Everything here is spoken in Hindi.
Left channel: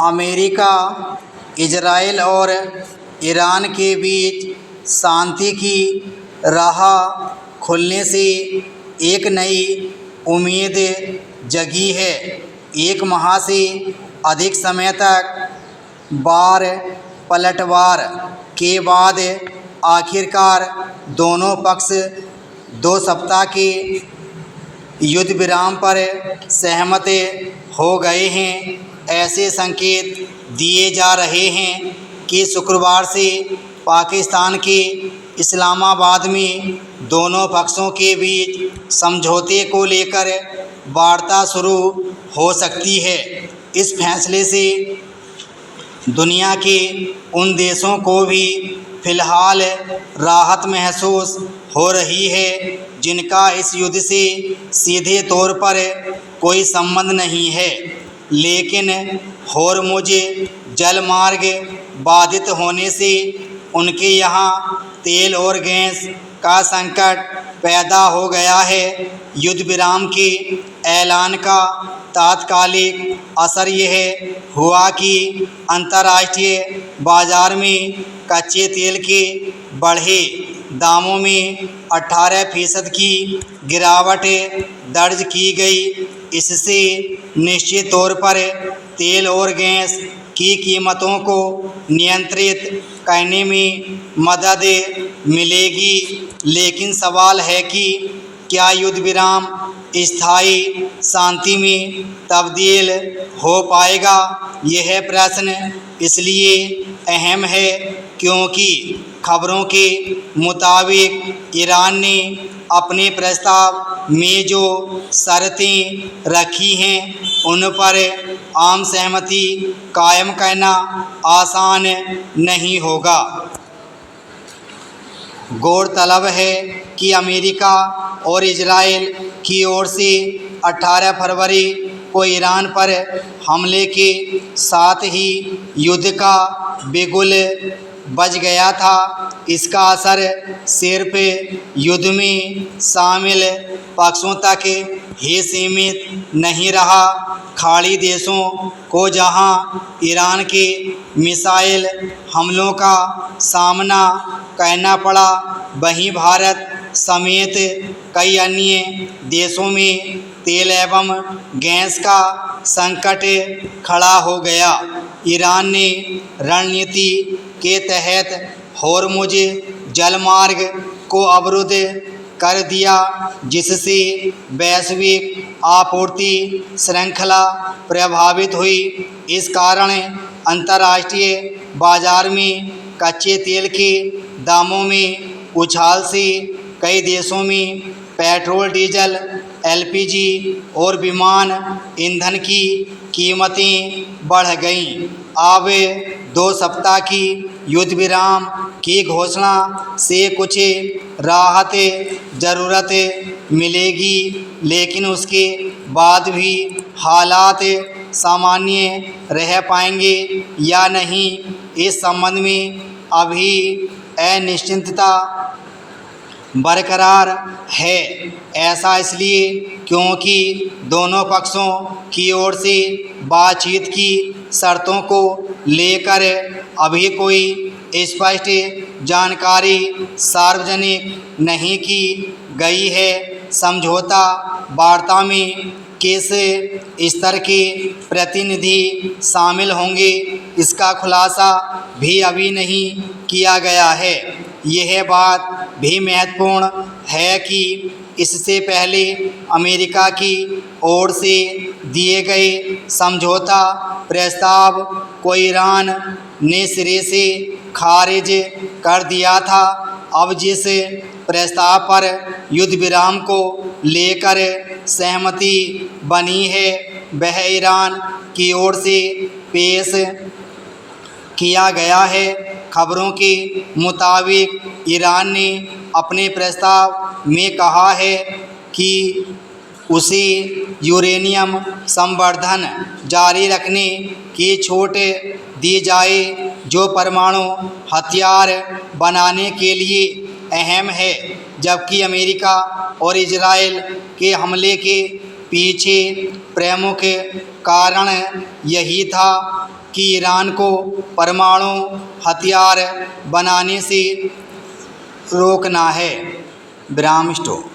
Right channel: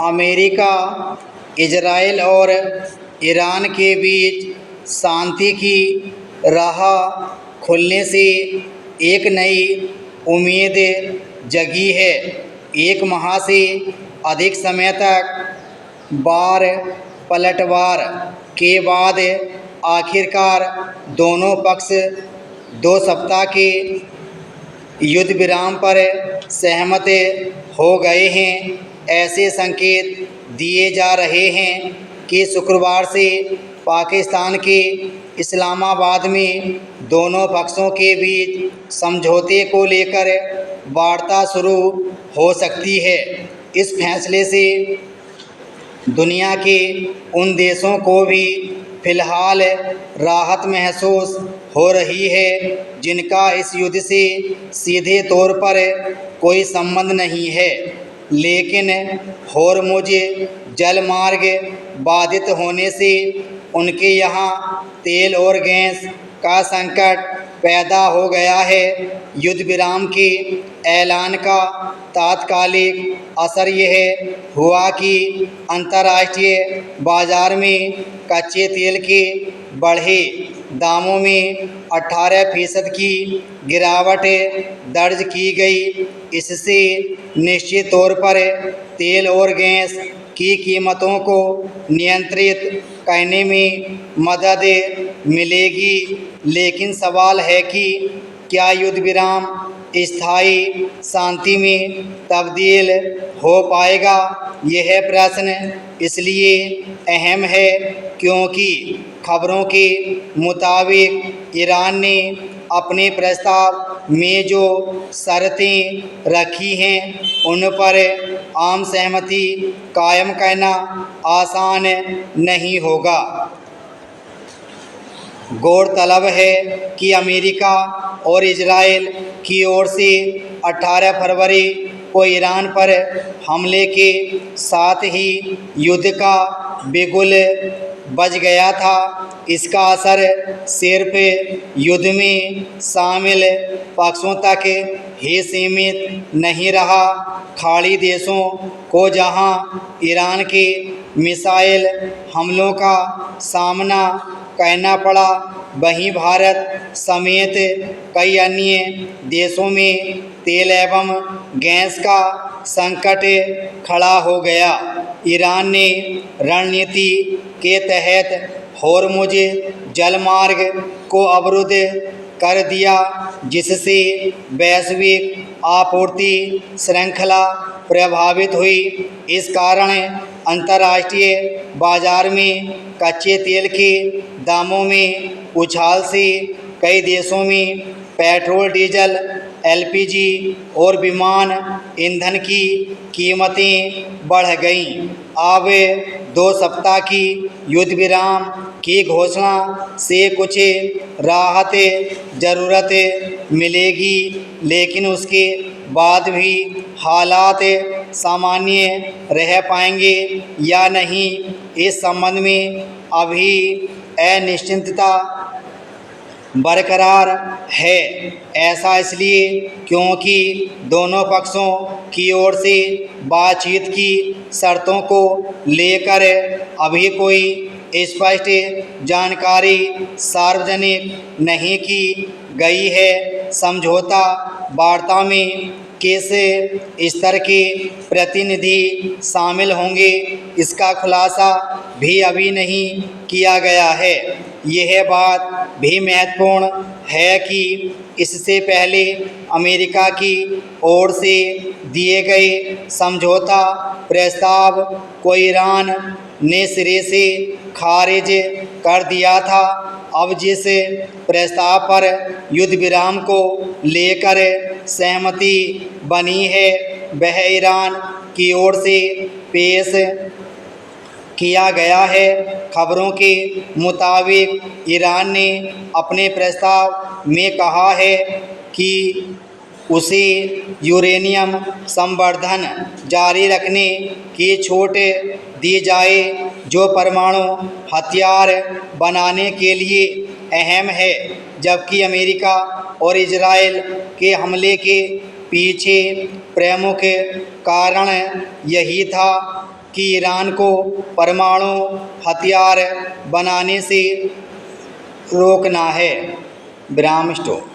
अमेरिका, इजराइल और ईरान के बीच शांति की राह खुलने से एक नई उम्मीद जगी है। एक माह से अधिक समय तक बार पलटवार के बाद आखिरकार दोनों पक्ष 2 सप्ताह के युद्ध विराम पर सहमत हो गए हैं। ऐसे संकेत दिए जा रहे हैं कि शुक्रवार से पाकिस्तान के इस्लामाबाद में दोनों पक्षों के बीच समझौते को लेकर वार्ता शुरू हो सकती है। इस फैसले से दुनिया के उन देशों को भी फिलहाल राहत महसूस हो रही है जिनका इस युद्ध से सीधे तौर पर कोई संबंध नहीं है, लेकिन होर्मुज जलमार्ग बाधित होने से उनके यहाँ तेल और गैस का संकट पैदा हो गया है। युद्ध विराम के ऐलान का तात्कालिक असर यह हुआ कि अंतर्राष्ट्रीय बाजार में कच्चे तेल के बढ़े दामों में 18% की गिरावट दर्ज की गई। इससे निश्चित तौर पर तेल और गैस की कीमतों को नियंत्रित करने में मदद मिलेगी। लेकिन सवाल है कि क्या युद्ध विराम स्थायी शांति में तब्दील हो पाएगा? यह प्रश्न इसलिए अहम है क्योंकि खबरों के मुताबिक ईरान ने अपने प्रस्ताव में जो शर्तें रखी हैं उन पर आम सहमति कायम करना आसान नहीं होगा। गौरतलब है कि अमेरिका और इजराइल की ओर से 18 फरवरी को ईरान पर हमले के साथ ही युद्ध का बिगुल बज गया था। इसका असर सिर्फ युद्ध में शामिल पक्षों तक ही सीमित नहीं रहा। खाड़ी देशों को जहां ईरान के मिसाइल हमलों का सामना करना पड़ा, वहीं भारत समेत कई अन्य देशों में तेल एवं गैस का संकट खड़ा हो गया। ईरान ने रणनीति के तहत होर्मुज जलमार्ग को अवरुद्ध कर दिया, जिससे वैश्विक आपूर्ति श्रृंखला प्रभावित हुई। इस कारण अंतर्राष्ट्रीय बाजार में कच्चे तेल के दामों में उछाल से कई देशों में पेट्रोल, डीजल, एलपीजी और विमान ईंधन की कीमतें बढ़ गईं। अब 2 सप्ताह की युद्ध विराम की घोषणा से कुछ राहत ज़रूरत मिलेगी, लेकिन उसके बाद भी हालात सामान्य रह पाएंगे या नहीं, इस संबंध में अभी अनिश्चितता बरकरार है। ऐसा इसलिए क्योंकि दोनों पक्षों की ओर से बातचीत की शर्तों को लेकर अभी कोई स्पष्ट जानकारी सार्वजनिक नहीं की गई है। समझौता वार्ता में किस स्तर के प्रतिनिधि शामिल होंगे, इसका खुलासा भी अभी नहीं किया गया है। यह बात भी महत्वपूर्ण है कि इससे पहले अमेरिका की ओर से दिए गए समझौता प्रस्ताव को ईरान ने सिरे से खारिज कर दिया था। अब जिस प्रस्ताव पर युद्ध विराम को लेकर सहमति बनी है, वह ईरान की ओर से पेश किया गया है। खबरों के मुताबिक ईरान ने अपने प्रस्ताव में कहा है कि उसे यूरेनियम संवर्धन जारी रखने की छूट दी जाए, जो परमाणु हथियार बनाने के लिए अहम है। जबकि अमेरिका और इजराइल के हमले के पीछे प्रमुख कारण यही था कि ईरान को परमाणु हथियार बनाने से रोकना है। विराम स्टॉप।